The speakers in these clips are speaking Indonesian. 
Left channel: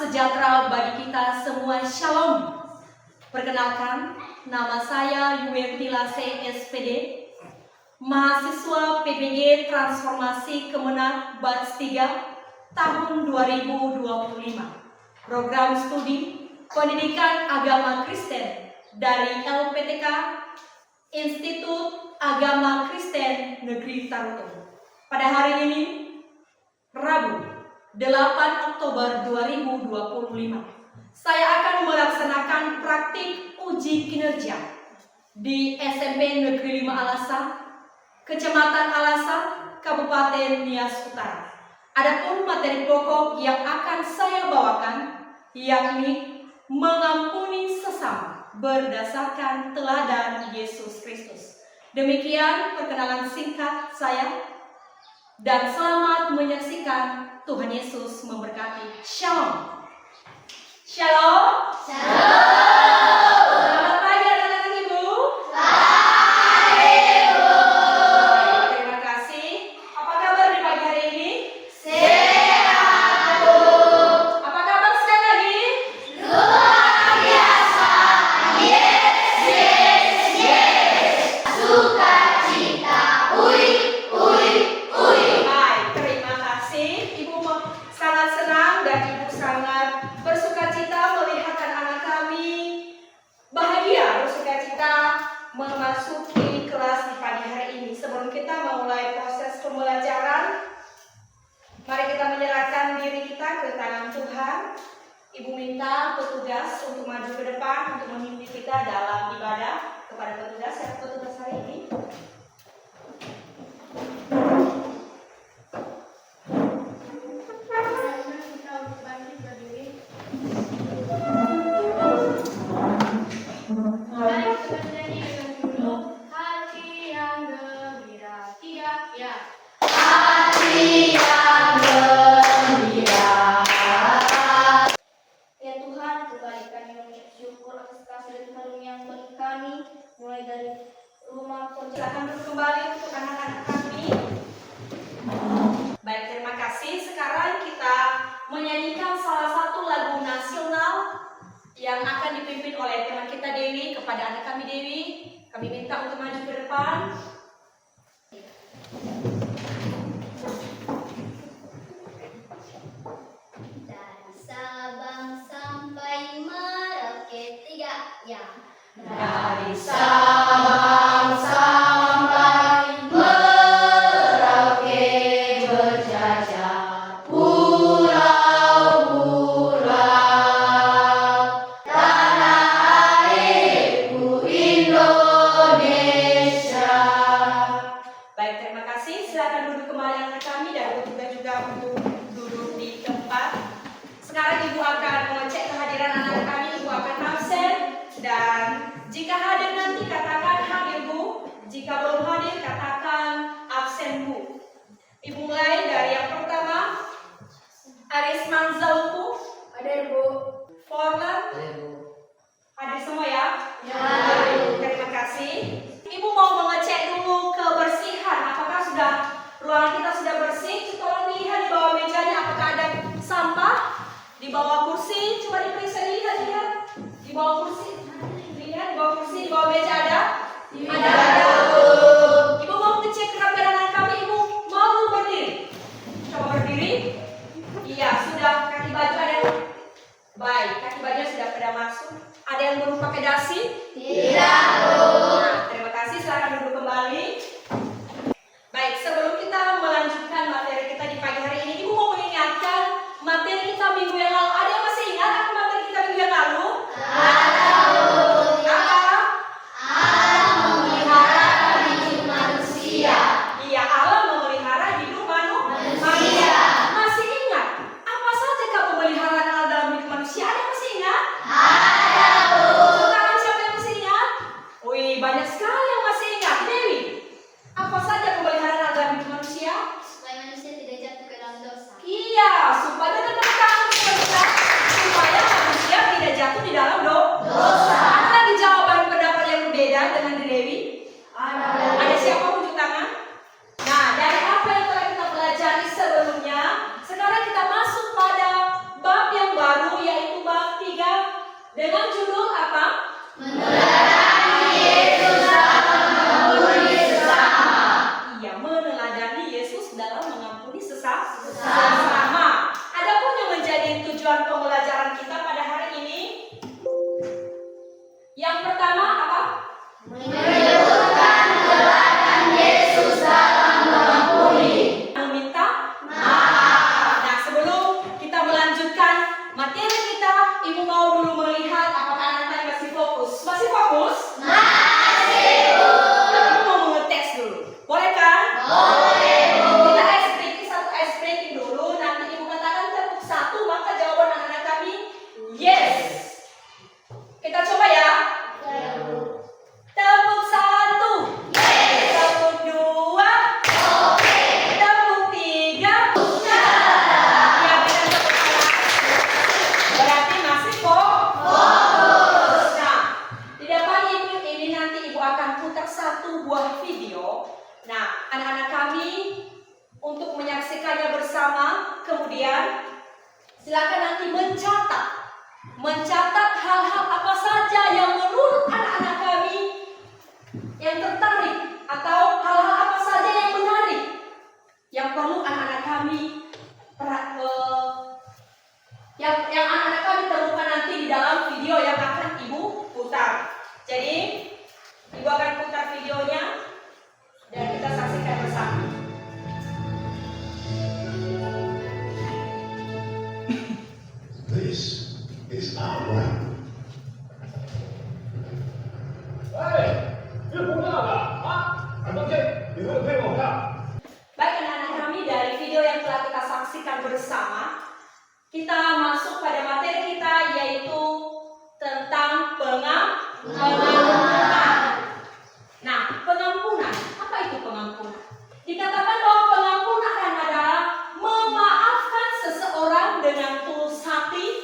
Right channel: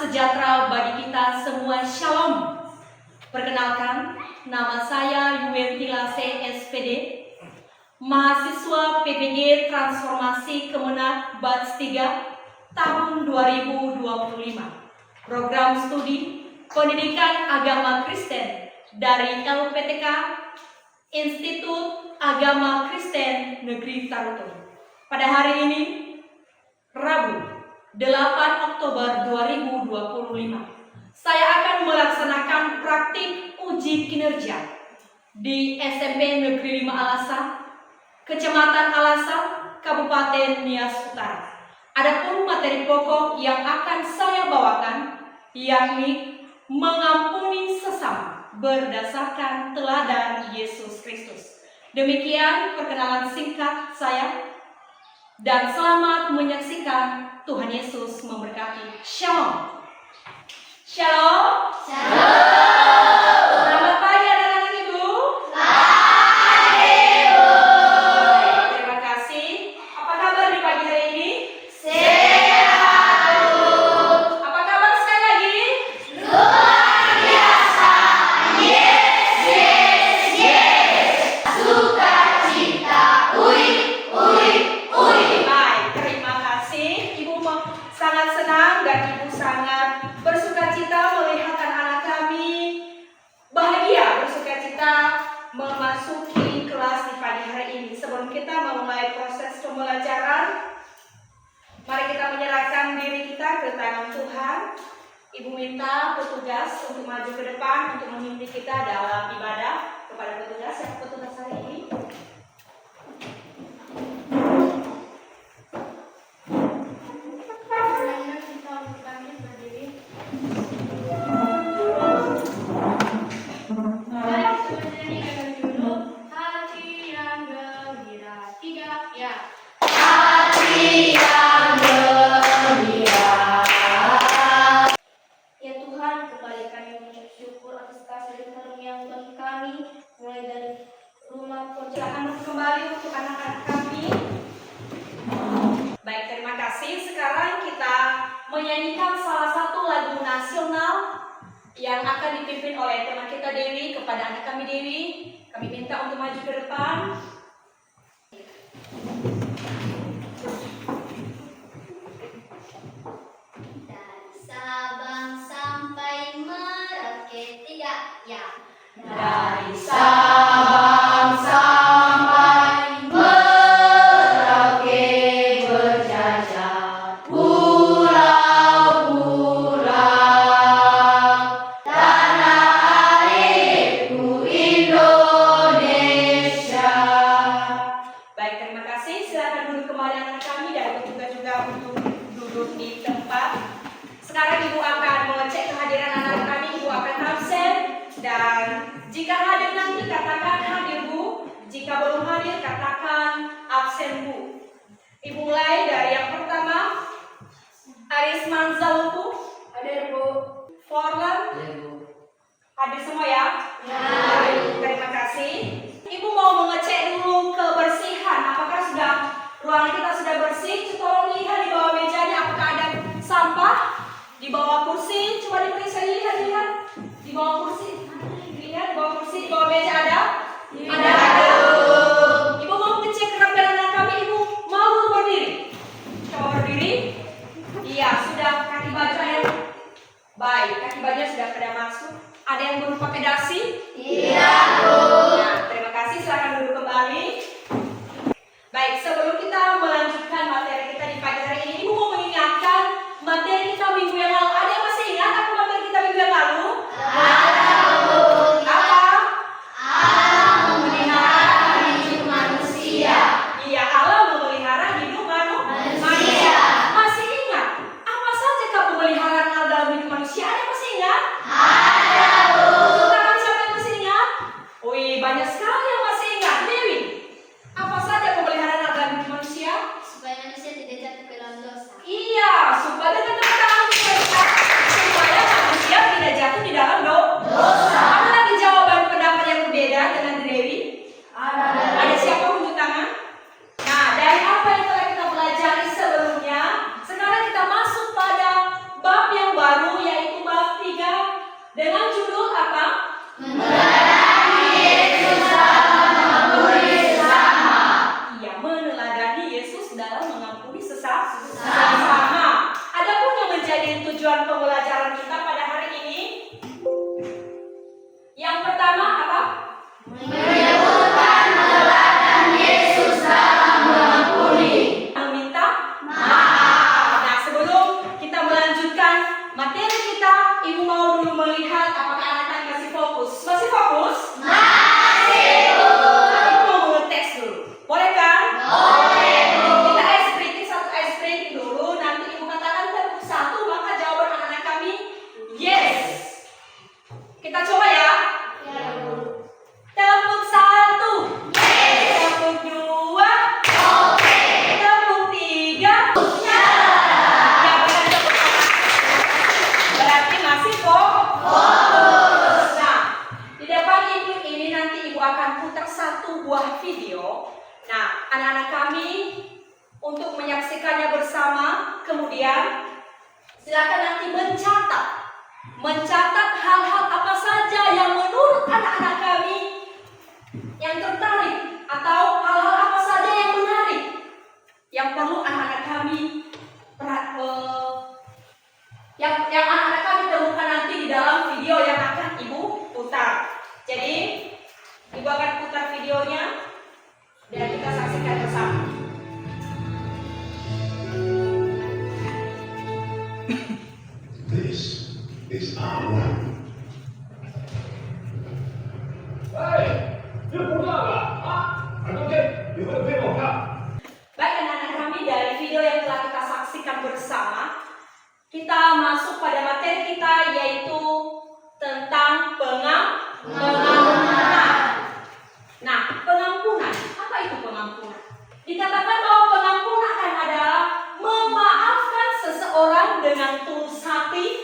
sejahtera bagi kita semua. Shalom. Perkenalkan, nama saya Yuentila C. SPD, mahasiswa PBG Transformasi Kemenag Batch 3 tahun 2025. Program studi Pendidikan Agama Kristen dari LPTK Institut Agama Kristen Negeri Tarutung. Pada hari ini, Rabu 8 Oktober 2025, saya akan melaksanakan praktik uji kinerja di SMP Negeri 5 Alasa, Kecamatan Alasa, Kabupaten Nias Utara. Adapun materi pokok yang akan saya bawakan yakni mengampuni sesama berdasarkan teladan Yesus Kristus. Demikian perkenalan singkat saya, dan selamat menyaksikan. Tuhan Yesus memberkati. Shalom. Shalom. Shalom. Selamat pagi anak-anak Ibu. Pagi Ibu. Terima kasih. Apa kabar di pagi hari ini? Sehat Bu. Apa kabar sekali lagi? Luar biasa. Yes, yes, yes. Sukacita. Ui, ui, ui. Baik, terima kasih. Ibu sangat senang dan Ibu sangat bersukacita melihat anak kami bahagia, bersukacita memasuki kelas di pagi hari ini. Sebelum kita memulai proses pembelajaran, mari kita menyerahkan diri kita ke tangan Tuhan. Ibu minta petugas untuk maju ke depan untuk memimpin kita dalam ibadah. Kepada petugas, siapa petugas hari ini? Mari kita bernyanyi dengan judul Hati yang Gembira. 3, ya. Hati yang gembira. Ya Tuhan, kembali kami mengucap syukur atas kasih dan karunia bagi kami, mulai dari rumah Silakan kembali untuk anak-anak kami. Baik, terima kasih. Sekarang kita menyanyikan salah satu lagu nasional yang akan dipimpin oleh teman kita Dewi. Kepada anak kami Dewi, kami minta untuk maju ke depan. Dari Sabang sampai Merauke. 3, ya. Dari Sabang sampai Merauke berjajar pulau-pulau, tanah airku Indonesia. Baik, terima kasih. Silakan duduk kembali anak kami dan juga untuk duduk di tempat. Sekarang Ibu akan mengecek kehadiran anak kami. Ibu akan absen, dan jika hadir nanti katakan hadir Bu. Jika belum hadir katakan absen Bu. Ibu mulai dari yang pertama. Aris Manzalku. Hadir Bu. Forlan. Hadir semua ya? Ya. Terima kasih. Ibu mau mengecek dulu kebersihan. Apakah ruangan kita sudah bersih? Tolong lihat di bawah mejanya apakah ada sampah. Di bawah kursi, coba diperiksa, lihat. Di bawah kursi. Lihat di bawah kursi, di bawah meja ada? Ada. Ibu mau ngecek gerak anak kami. Ibu mau berdiri? Coba berdiri. Iya, sudah. Kaki baju ada yang baik. Kaki bajunya sudah pada masuk. Ada yang belum pakai dasi? Tidak Bu. Nah, terima kasih. Silakan duduk kembali. Baik, sebelum kita melanjutkan materi kita di pagi hari ini, Ibu mau mengingatkan materi kita minggu yang lalu. Ada yang masih ingat apa materi kita minggu yang lalu? Apa? Allah memelihara hidup manusia. Iya, Allah memelihara hidup manusia. Masih ingat? Apa saja pemeliharaan Allah dalam hidup manusia? Ada yang masih ingat? Ada Bu. Tangan siapa yang masih ingat? Wih, banyak sekali yang masih ingat. Dewi, apa saja pemeliharaan Allah dalam hidup manusia? Supaya manusia tidak jatuh ke dalam dosa. Iya, supaya supaya manusia tidak jatuh di dalam dosa. Ada lagi jawaban pendapat yang berbeda dengan Dewi? Ada siapa unjuk tangan? Nah, dari apa yang telah kita pelajari sebelumnya, sekarang kita masuk pada bab yang baru dengan judul apa? Meneladani Yesus dalam mengampuni sesama. Iya, meneladani Yesus dalam mengampuni sesama. Adapun yang menjadi tujuan pembelajaran kita pada hari ini, yang pertama apa? Menyebutkan teladan Yesus dalam mengampuni. Meminta maaf. Nah, sebelum kita melanjutkan materi kita, Ibu mau dulu melihat apakah anak-anak masih fokus. Masih fokus? Masih, Bu. Ibu mau mengetes dulu. Boleh kan? Boleh, Bu. Kita ice breaking, satu ice breaking dulu. Nanti Ibu katakan tepuk satu, maka jawaban anak-anak kami yes. Kita coba ya. Ya, Bu. Tepuk satu. Tepuk dua. Oke. Tepuk tiga. Ya. Ya, berarti masih Fokus. Nah, di depan Ibu ini nanti Ibu akan putar satu buah video. Nah, anak-anak kami untuk menyaksikannya bersama, kemudian silakan nanti mencatat hal-hal apa saja yang menurut anak-anak kami yang tertarik atau hal-hal apa saja yang menarik yang perlu anak-anak kami yang anak-anak kami temukan nanti di dalam video yang akan Ibu putar. Jadi Ibu akan putar videonya dan kita saksikan bersama. This is our world. 哎，你不干了啊？俺当天你会陪我看。 Baik anak-anak kami, dari video yang telah kita saksikan bersama, kita masuk pada materi kita yaitu tentang pengampunan. Nah, pengampunan, apa itu pengampunan? Dikatakan bahwa pengampunan adalah memaafkan seseorang dengan tulus hati.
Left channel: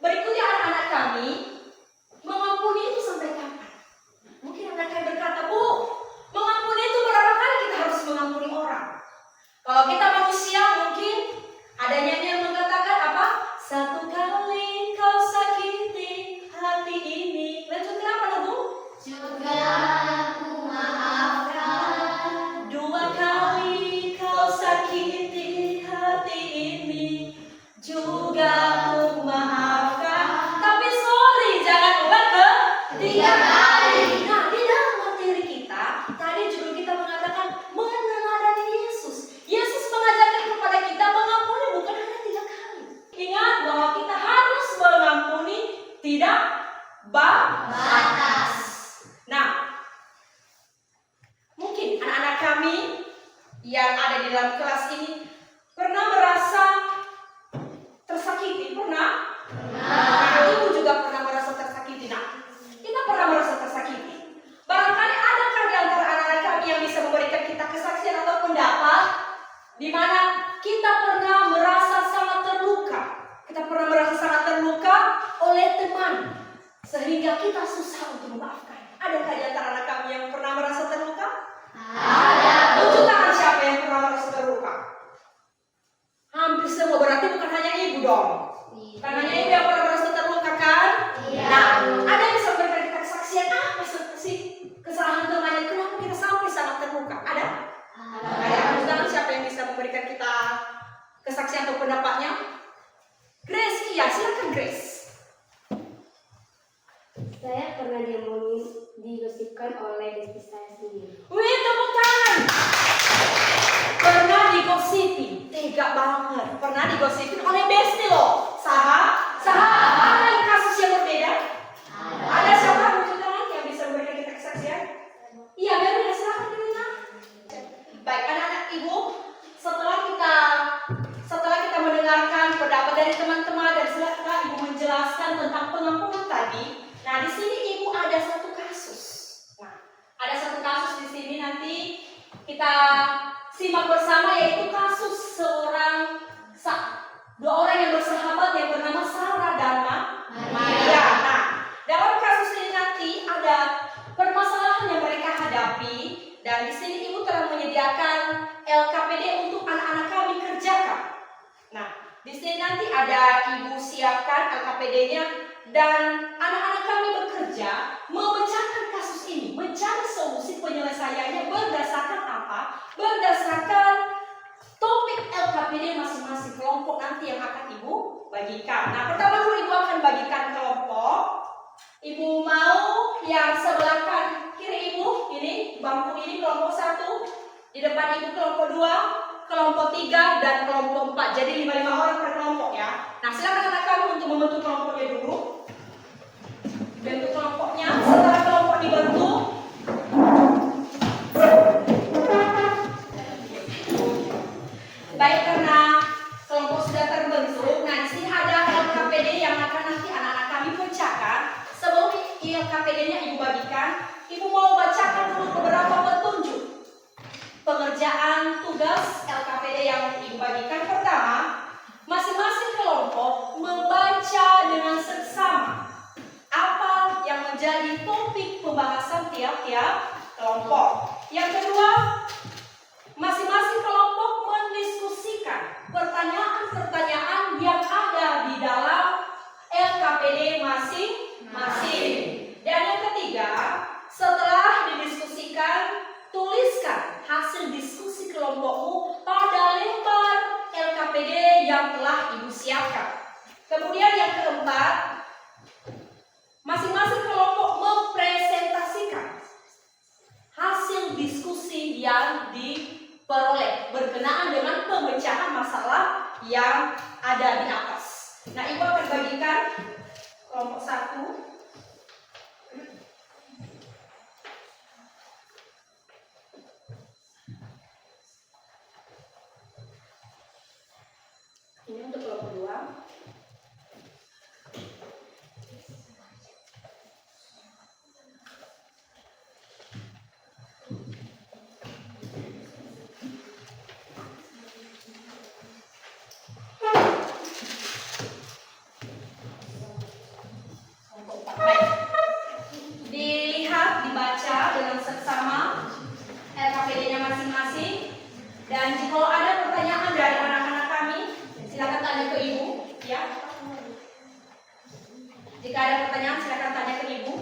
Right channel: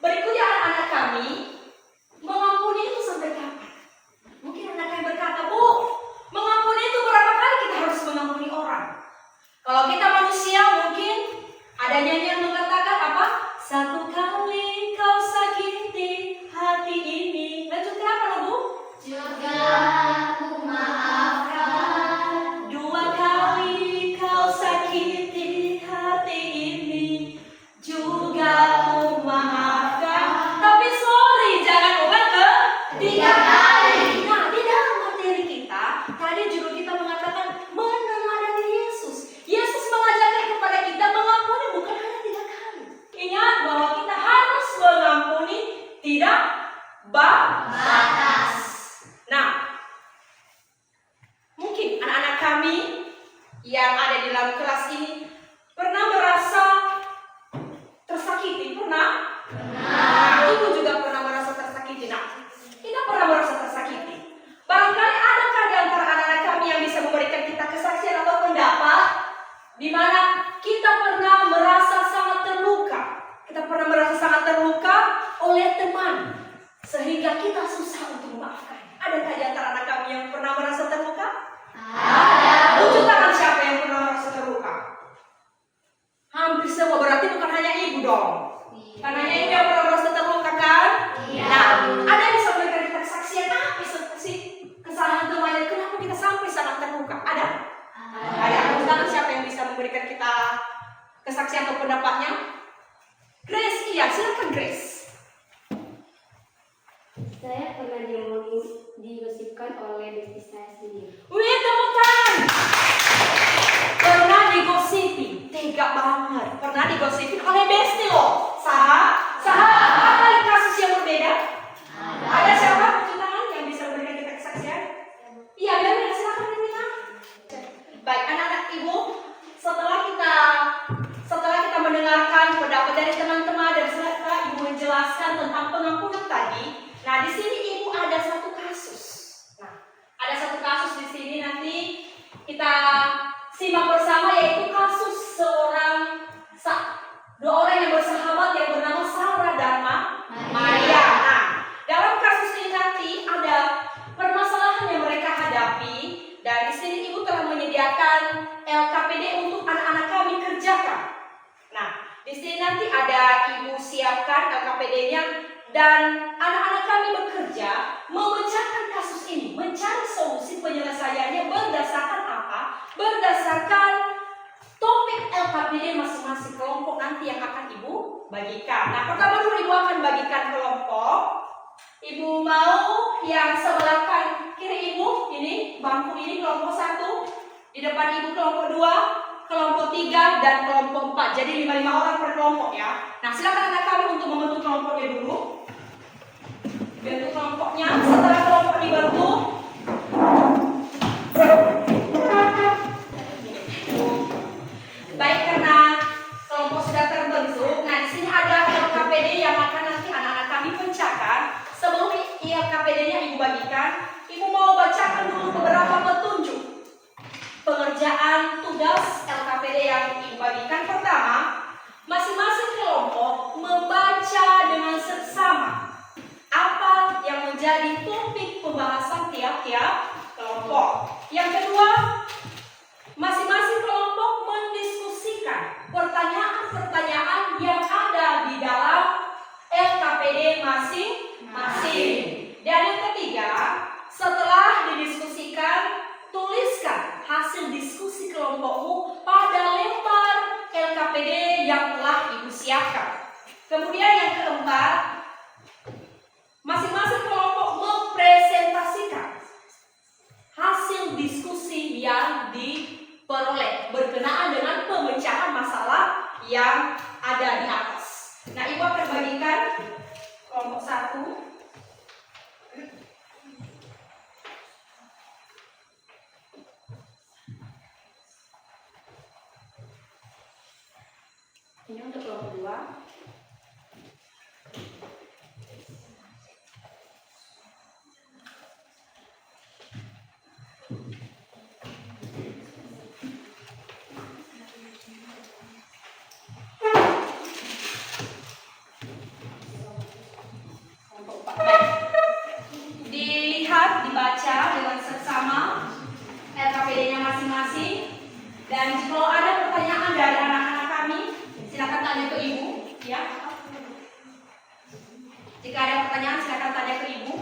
Berikutnya anak-anak kami, mengampuni itu sampai kapan? Mungkin anak kami berkata, Bu, mengampuni itu berapa kali kita harus mengampuni orang? Kalau kita manusia mungkin ada nyanyi yang mengatakan apa? Satu kali kau sakiti hati ini. Lanjutkan apa, Bu? Juga aku maafkan. Dua kali kau sakiti hati ini, juga ku maafkan. Tapi sorry, jangan ulang ke tiga kali. Nah, di dalam materi kita, tadi judul kita mengatakan meneladani Yesus. Yesus mengajarkan kepada kita mengampuni bukan hanya 3 kali. Ingat bahwa kita harus mengampuni tidak batas. Nah, mungkin anak-anak kami yang ada di dalam kelas ini pernah merasa tersakiti, pernah? Nah, Ibu juga pernah merasa tersakiti. Nah, kita pernah merasa tersakiti. Barangkali adakah di antara anak-anak kami yang bisa memberikan kita kesaksian atau pendapat di mana kita pernah merasa sangat terluka. Kita pernah merasa sangat terluka oleh teman sehingga kita susah untuk memaafkan. Adakah di antara anak kami yang pernah merasa terluka? Ada. Tunjuk tangan siapa yang pernah merasa terluka? Hampir semua, berarti bukan hanya Ibu dong. Bukan hanya Ibu yang pernah merasa terluka kan? Iya. Nah, ada yang bisa memberikan kita kesaksian apa sih kesalahan temannya? Kenapa kita sampai sangat terluka? Ada? Ada. Tunjuk tangan siapa yang bisa memberikan kita kesaksian atau pendapatnya? Grace, iya, silakan Grace. Saya pernah digosipkan oleh besti saya sendiri. Wih, tepuk tangan. Pernah digosipin, tega banget. Pernah digosipin oleh besti loh. Ada kasus yang berbeda? Ada siapa tunjuk tangan yang bisa memberikan kita kesaksian? Iya, biar silakan Nina. Baik, anak-anak Ibu, setelah kita mendengarkan pendapat dari teman-teman dan setelah Ibu menjelaskan tentang pengampunan tadi, nah di sini Ibu ada satu kasus. Nah, ada satu kasus di sini nanti kita simak bersama yaitu kasus dua orang yang bersahabat yang bernama Sarah dan Maria. Nah, dalam kasus ini nanti ada permasalahan yang mereka hadapi dan di sini Ibu telah menyediakan LKPD untuk anak-anak kami kerjakan. Nah, di sini nanti ada Ibu siapkan LKPD-nya Dan anak-anak kami bekerja memecahkan kasus ini, mencari solusi penyelesaiannya berdasarkan apa? Berdasarkan topik LKPD masing-masing kelompok nanti yang akan Ibu bagikan. Nah, pertama dulu Ibu akan bagikan kelompok. Ibu mau yang sebelah kiri Ibu, ini bangku ini kelompok 1, di depan Ibu kelompok 2, kelompok 3, dan kelompok 4. Jadi 5 orang per kelompok ya. Nah, silakan anak kami untuk membentuk kelompoknya dulu. Bentuk kelompoknya, setelah kelompok dibentuk, baik karena kelompok sudah terbentuk. Nah, di sini ada LKPD yang akan nanti anak-anak kami pecahkan. Sebelum LKPD-nya Ibu bagikan, Ibu mau bacakan dulu beberapa petunjuk pengerjaan tugas LKPD yang Ibu bagikan. Pertama, masing-masing kelompok membaca dengan seksama apa yang menjadi topik pembahasan tiap-tiap kelompok. Yang kedua, masing-masing kelompok mendiskusikan pertanyaan-pertanyaan yang ada di dalam LKPD masing-masing. Dan yang ketiga, setelah didiskusikan, tuliskan hasil diskusi kelompokmu pada lembar LKPD yang telah Ibu siapkan. Kemudian yang keempat, masing-masing kelompok mempresentasikan hasil diskusi yang diperoleh berkenaan dengan pemecahan masalah yang ada di atas. Nah, Ibu akan bagikan kelompok 1. Ini untuk kelompok 2. Dibaca dengan seksama LKPD-nya masing-masing. Dan jika ada pertanyaan dari anak-anak kami, silakan tanya ke Ibu, ya. Jika ada pertanyaan, silakan tanya ke Ibu.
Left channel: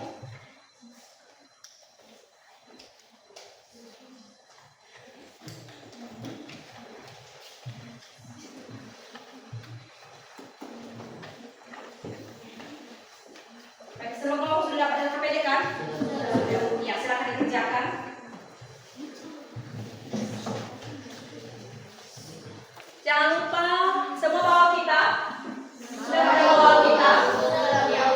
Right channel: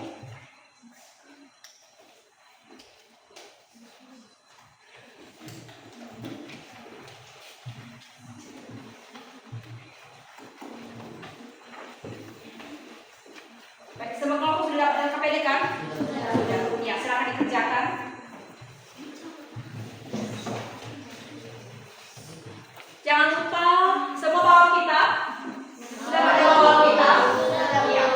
Baik, semua kelompok sudah dapat LKPD kan? Ya, silakan dikerjakan. Jangan lupa semua bawa kitab. Sudah bawa kitab. Ya.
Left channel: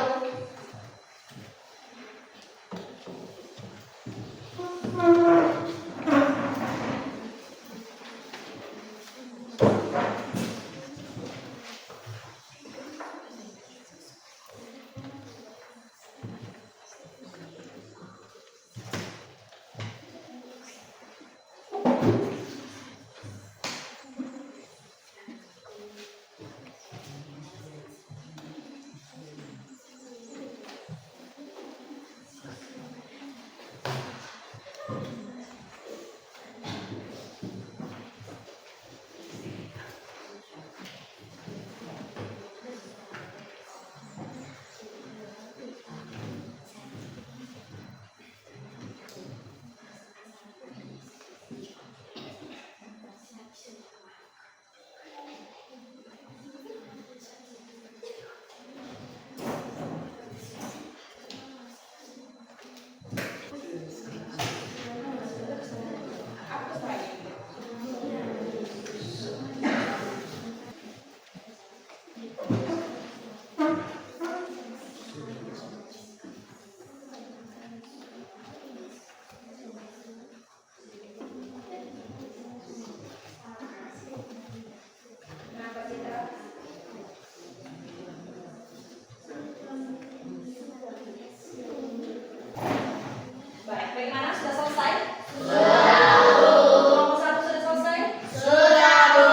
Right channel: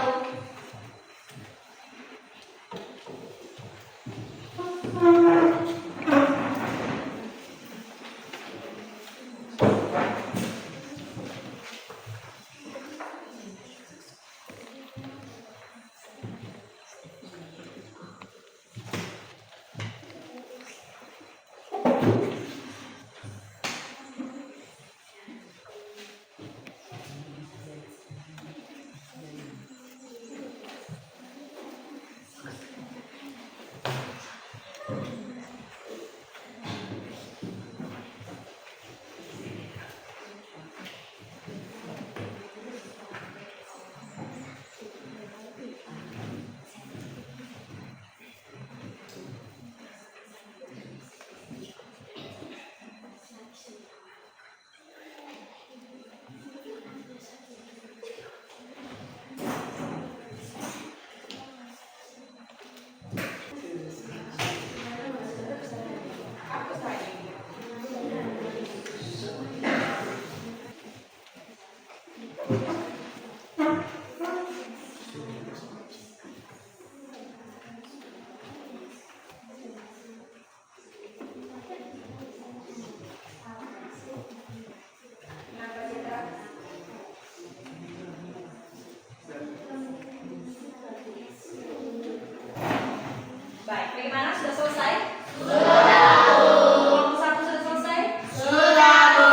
Bagaimana? Sudah selesai? Sudah, Bu. Kelompok 1 sudah selesai? Sudah, Bu.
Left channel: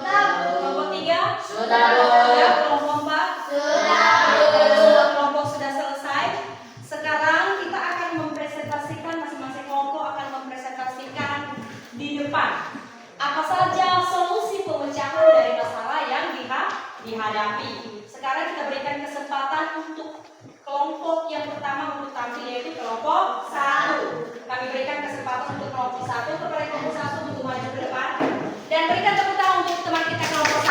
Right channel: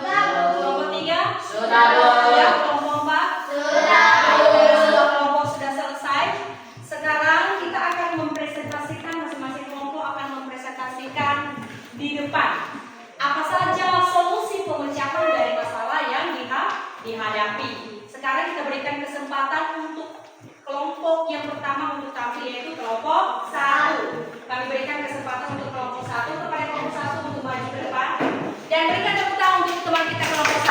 Kelompok 3? Sudah, Bu. Ya, menanggapi. Sekarang kita berikan kesempatan untuk kelompok yang pertama untuk tampil, yaitu kelompok 1. Kami berikan kesempatan untuk kelompok 1 kepada kelompok 1 untuk maju ke depan dan berikan tepuk tangan untuk teman kita kelompok 1.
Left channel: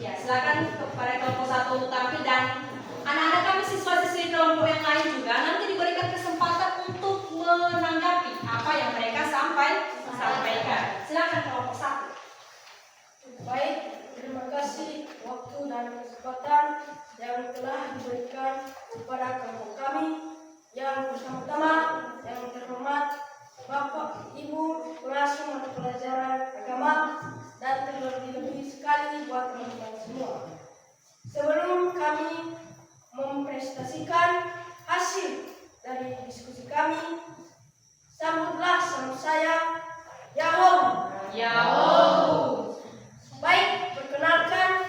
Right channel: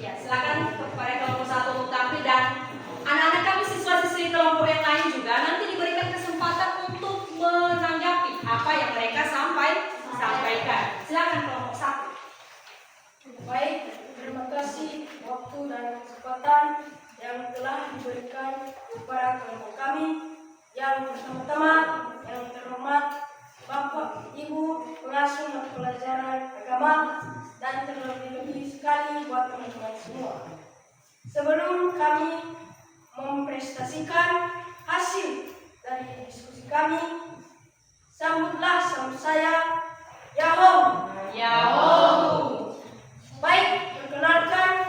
Ya, silakan kepada kelompok 1 untuk tampil dan anak-anak kami siswa-siswi kelompok yang lain juga nanti diberikan kesempatan untuk menanggapi apa yang mereka sampaikan. Silakan kelompok 1. Baik, terima kasih waktu dan kesempatan yang telah diberikan kepada kelompok kami. Yang pertama-tama, yang terhormat Bapak Ibu pengasuh mata pelajaran agama dan terlebih-lebih sekali buat teman-teman semua. Sebelum kami mempresentasikan hasil dari diskusi kami, sambutlah sama saya, Yahoo! Yahoo! Baik, perkenalkan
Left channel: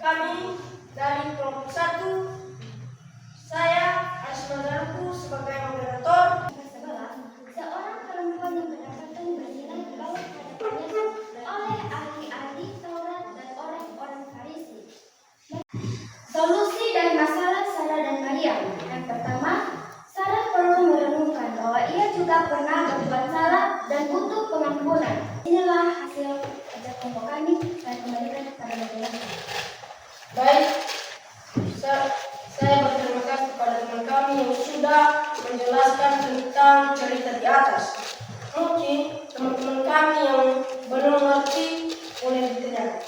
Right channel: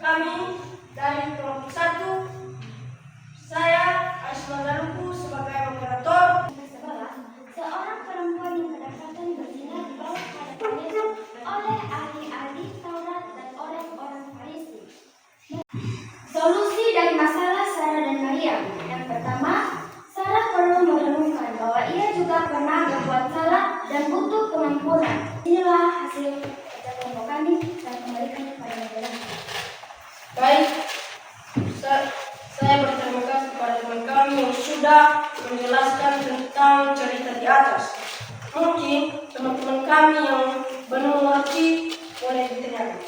kami dari kelompok 1. Saya Asma Zaruku sebagai moderator. Seorang perempuan yang kedapatan berzina dibawa ke hadapan Yesus oleh ahli-ahli Taurat dan orang-orang Farisi. Solusi dari masalah Sarah dan Maria. Yang pertama, Sarah perlu merenungkan bahwa ia juga pernah berbuat salah dan butuh pengampunan. Inilah hasil kerja kelompok kami dan kembalikan kepada majelis. Baik, saya berterima kasih kepada teman kami yang sudah menjelaskan tentang cerita di atas. Mungkin teman-teman kami yang belum mengerti boleh ditanyakan.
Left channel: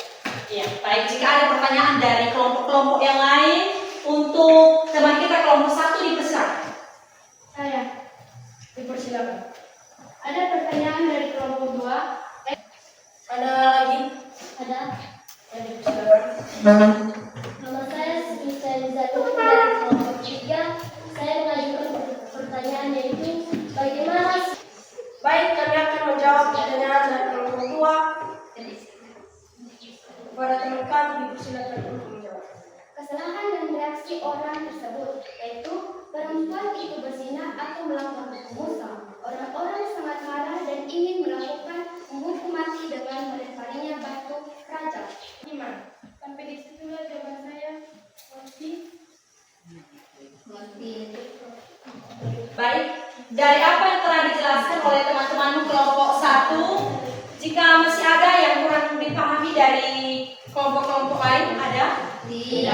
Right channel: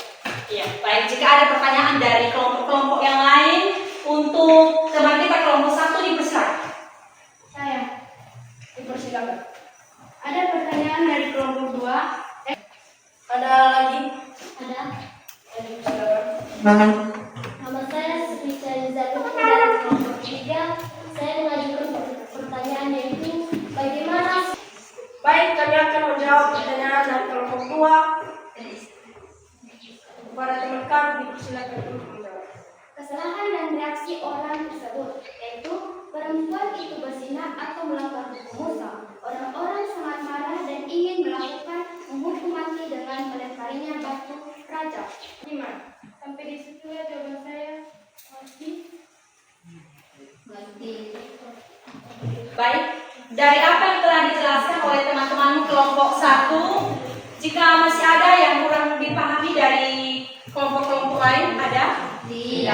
Ya, baik. Jika ada pertanyaan dari kelompok-kelompok yang lain untuk teman kita kelompok 1 dipersilakan. Saya, Dipersilakan. ada pertanyaan dari kelompok 2. Ada lagi? Ada. Ya, dipersilakan. Nama saya Sri Zaruku dari kelompok 3. Saya mengajukan pertanyaan yaitu bagaimana. Baik, kami akan menjawab pertanyaan dari kelompok 2. Kepada teman kami dipersilakan untuk menjawab. Kesalahan dan reaksi orang tersebut, yaitu perempuan itu berzina atau melanggar hukum Musa. Orang-orang sangat marah dan ingin menghukum mati dengan melemparinya batu raja. Gimana? Sampai di situlah jawaban saya. Baik, dari apa yang telah dijelaskan oleh teman-teman kelompok 1, jika masih ada yang kurang dipahami dari kelompok-kelompok lain, ada? Tidak.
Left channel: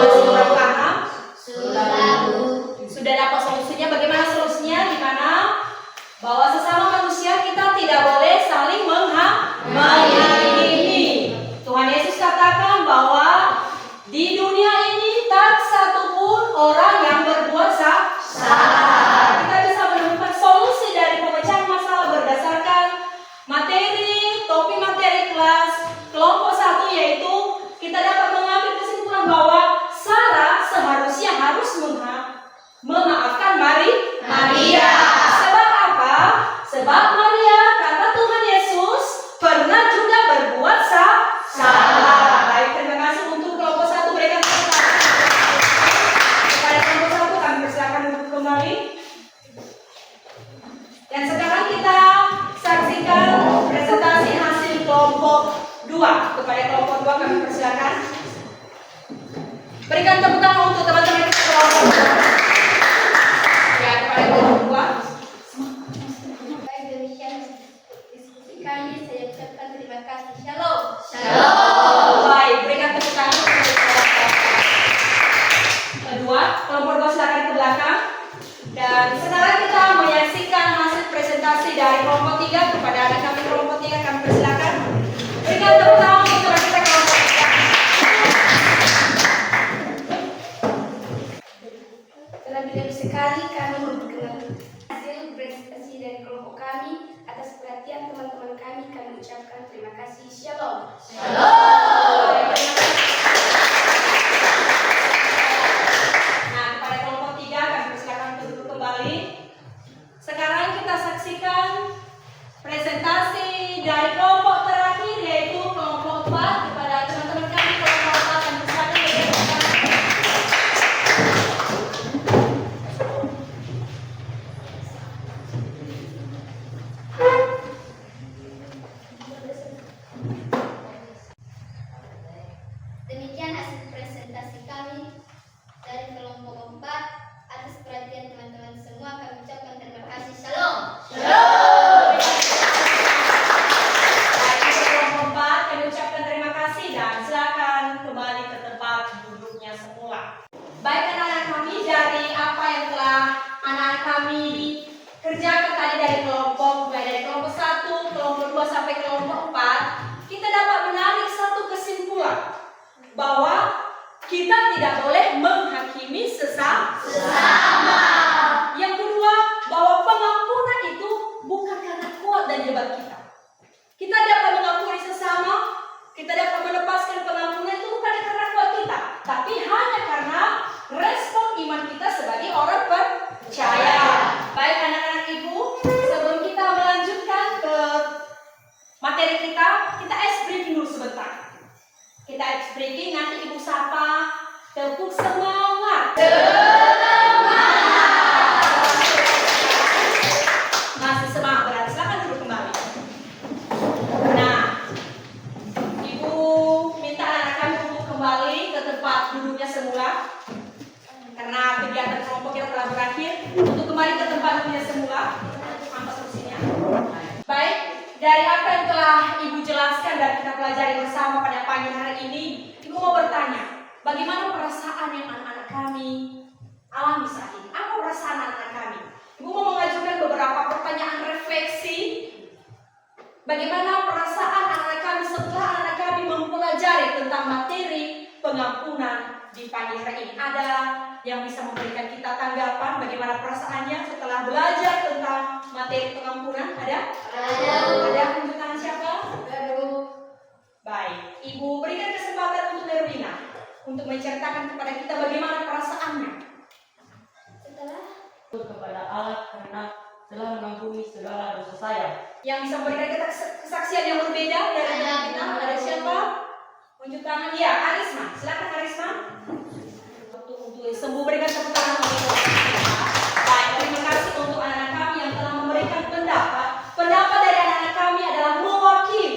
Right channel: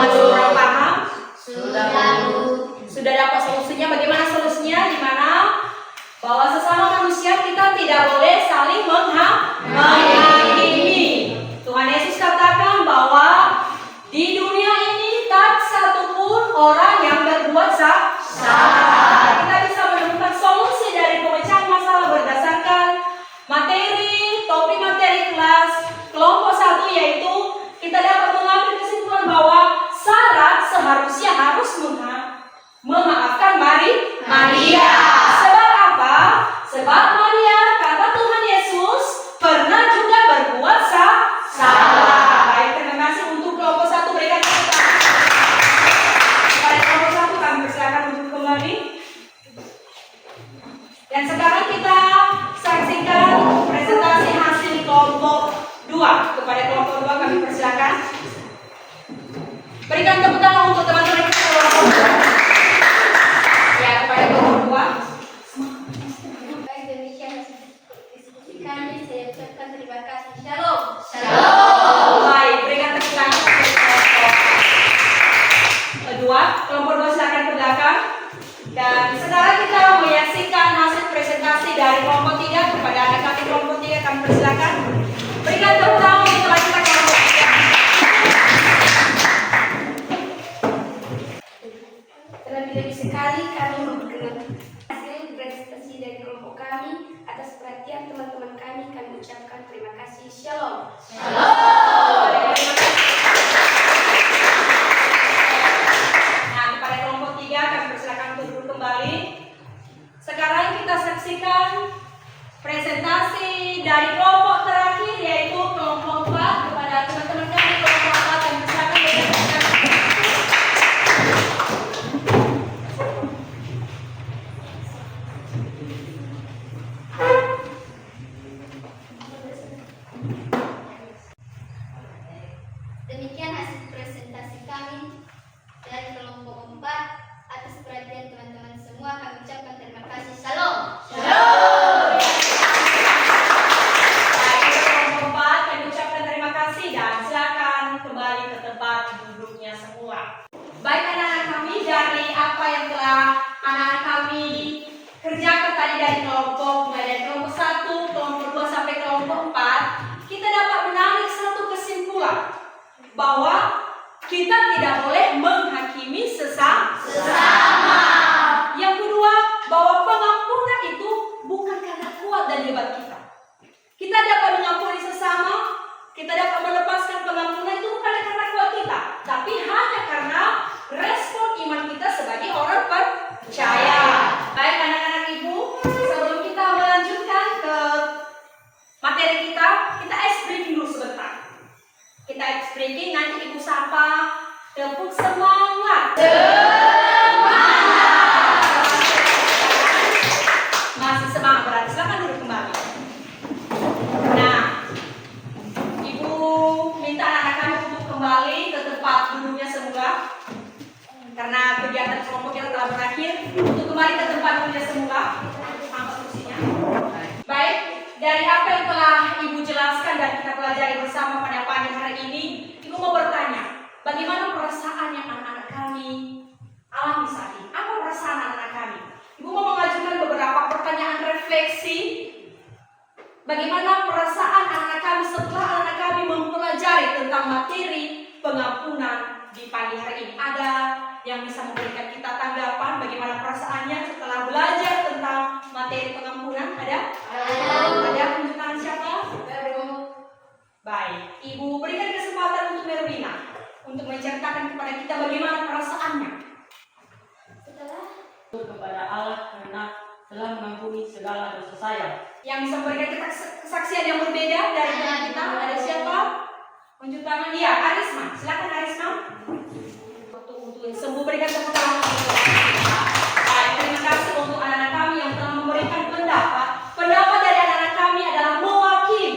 Masih kurang paham? Sudah dapat solusinya? Bagaimana solusinya? Di mana? Bahwa sesama manusia kita tidak boleh saling menghakimi. Tuhan Yesus katakan bahwa di dunia ini tak satupun orang yang berbuat salah. Kita bisa menemukan solusi dari pemecahan masalah berdasarkan topik materi kelas kelompok 1, yaitu kita dapat mengambil kesimpulan bahwa Sarah seharusnya harus memaafkan Maria. Sebab apa? Sebab Maria kata Tuhan Yesus pernah juga berbuat salah. Baik, terima kasih untuk kelompok 1. Berikan tepuk tangan kepada kelompok 1. Kami persilakan untuk kembali. Dan sekarang kita saksikan presentasi hasil kelompok 2. Kepada kelompok 2 kami persilakan. Berikan tepuk tangan untuk teman-teman kelompok 2. Ya, kepada kelompok 2. Baik, demikian diskusi kami. Saya ucapkan terima kasih. Shalom. Baik, berikan tepuk tangan kepada kelompok 2. Kelompok 2 silakan ke belakang. Dan sekarang kita menyaksikan hasil presentasi dari kelompok 3. Kepada anak kami kelompok 3 kami persilakan. Berikan tepuk tangan untuk teman kita kelompok 3. Terlebih-lebih sekali kami memperkenalkan hasil presentasi dari kelompok kami. Atas perhatian teman-teman kami ucapkan terima kasih. Shalom. Nah, kepada kelompok 3 kami persilakan untuk duduk kembali. Sekarang kita saksikan presentasi dari kelompok terakhir, yaitu kelompok 4. Kepada teman-teman kami kelompok 4 kami persilakan. telah berakhir. Untuk kembali ke tempat duduknya semula, angkat kursinya. Baik, dari apa yang telah Ibu jelaskan dan kita pelajari bersama pada pagi hari ini, Ibu mau bertanya, bagaimana perasaan yang anak-anak kami alami saat ini? Apa perasaan anak-anak kami? Ibu mau mengajukan beberapa pertanyaan refleksi. Bagaimana perasaan anak-anak kami setelah anak kami mempelajari tentang materi pengampunan di pagi hari ini? Ada yang bisa memberikan kita tanggapan bagaimana perasaannya setelah belajar tentang materi pengampunan? Ada? Ada unjuk tangan siapa? Baik, Ibu berikan kesempatan untuk Merwina untuk menceritakan kepada kita bagaimana perasaannya. Kepada Allah karena telah mengampuni segala dosa saya. Yang bisa memberikan kita kesaksian yang berbeda dari teman kita, ada siapa? Unjuk tangan. Ya, Arisman. Silakan Arisman. Untuk sembuh berikan tepuk tangan. Baik, terima kasih untuk anak-anak kami yang telah memberikan pendapat. Pendapat dari anak-anak kami adalah mewakili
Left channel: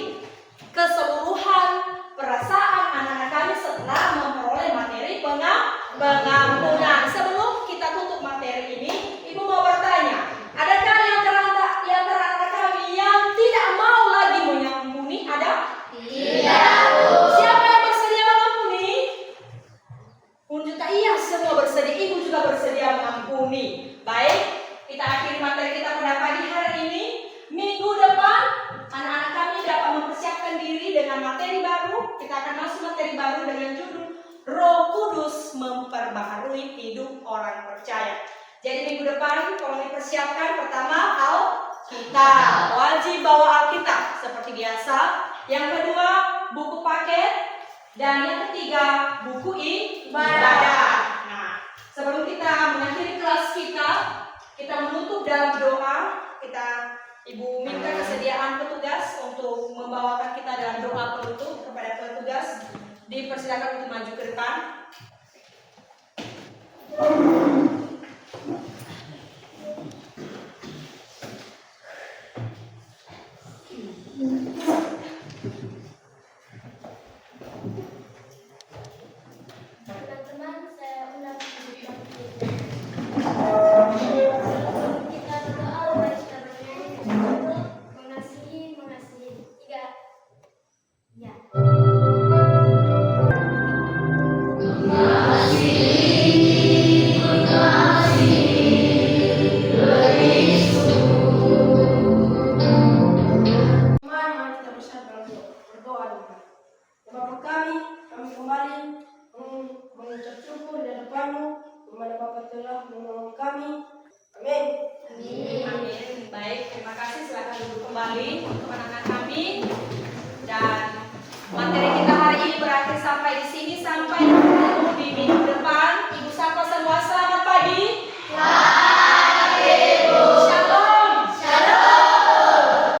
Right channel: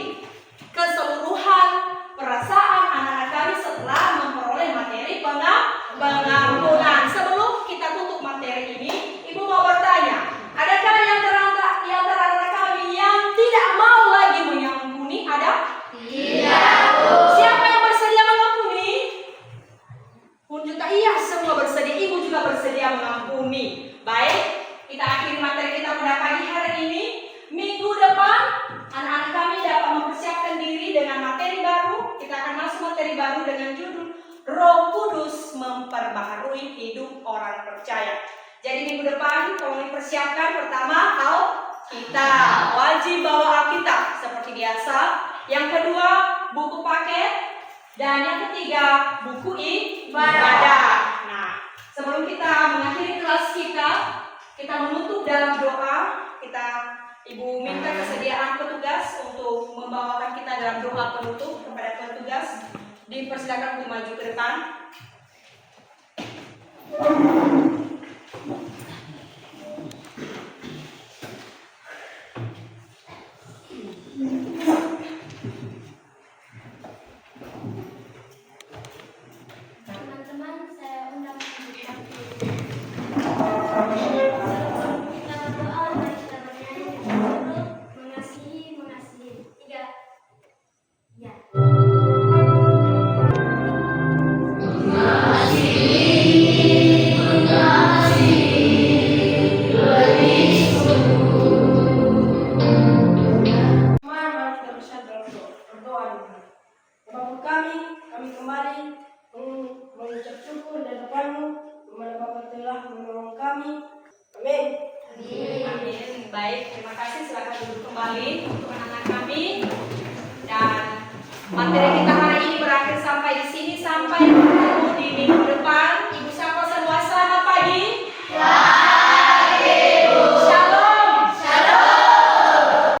keseluruhan perasaan anak-anak kami setelah memperoleh materi pengampunan. Sebelum kita tutup materi ini, Ibu mau bertanya, adakah yang antara anak kami yang tidak mau lagi mengampuni? Ada? Tidak. Siapa yang bersedia mengampuni? Unjuk tangan. Iya, semua bersedia. Ibu juga bersedia mengampuni. Baik, kita akhiri materi kita pada pagi hari ini. Minggu depan, anak-anak kami dapat mempersiapkan diri dengan materi baru. Kita akan masuk materi baru dengan judul Roh Kudus Memperbaharui Hidup Orang Percaya. Jadi minggu depan kalau dipersiapkan, pertama Alkitab, wajib bawa Alkitab seperti biasa. Yang kedua buku paket, dan yang ketiga buku ibadah. Nah, sebelum kita mengakhiri kelas kita menutup dalam doa. Ibu minta kesediaan petugas untuk membawakan kita dalam doa penutup kepada petugas. Dipersilakan untuk maju ke depan. Teman-teman, saya undang untuk sebelum kita berdoa, mari kita bernyanyi dengan judul Mengasihi. 3. Ya. Mari kita bersatu dalam berdoa. Bapa kami kembali mengucap syukur di hadapan-Mu, di mana Bapa telah menolong kami. Amin. Amin. Baik, terima kasih. Silakan duduk kembali untuk anak-anak kami. Dan materi kita hari ini berakhir sampai di sini. Sampai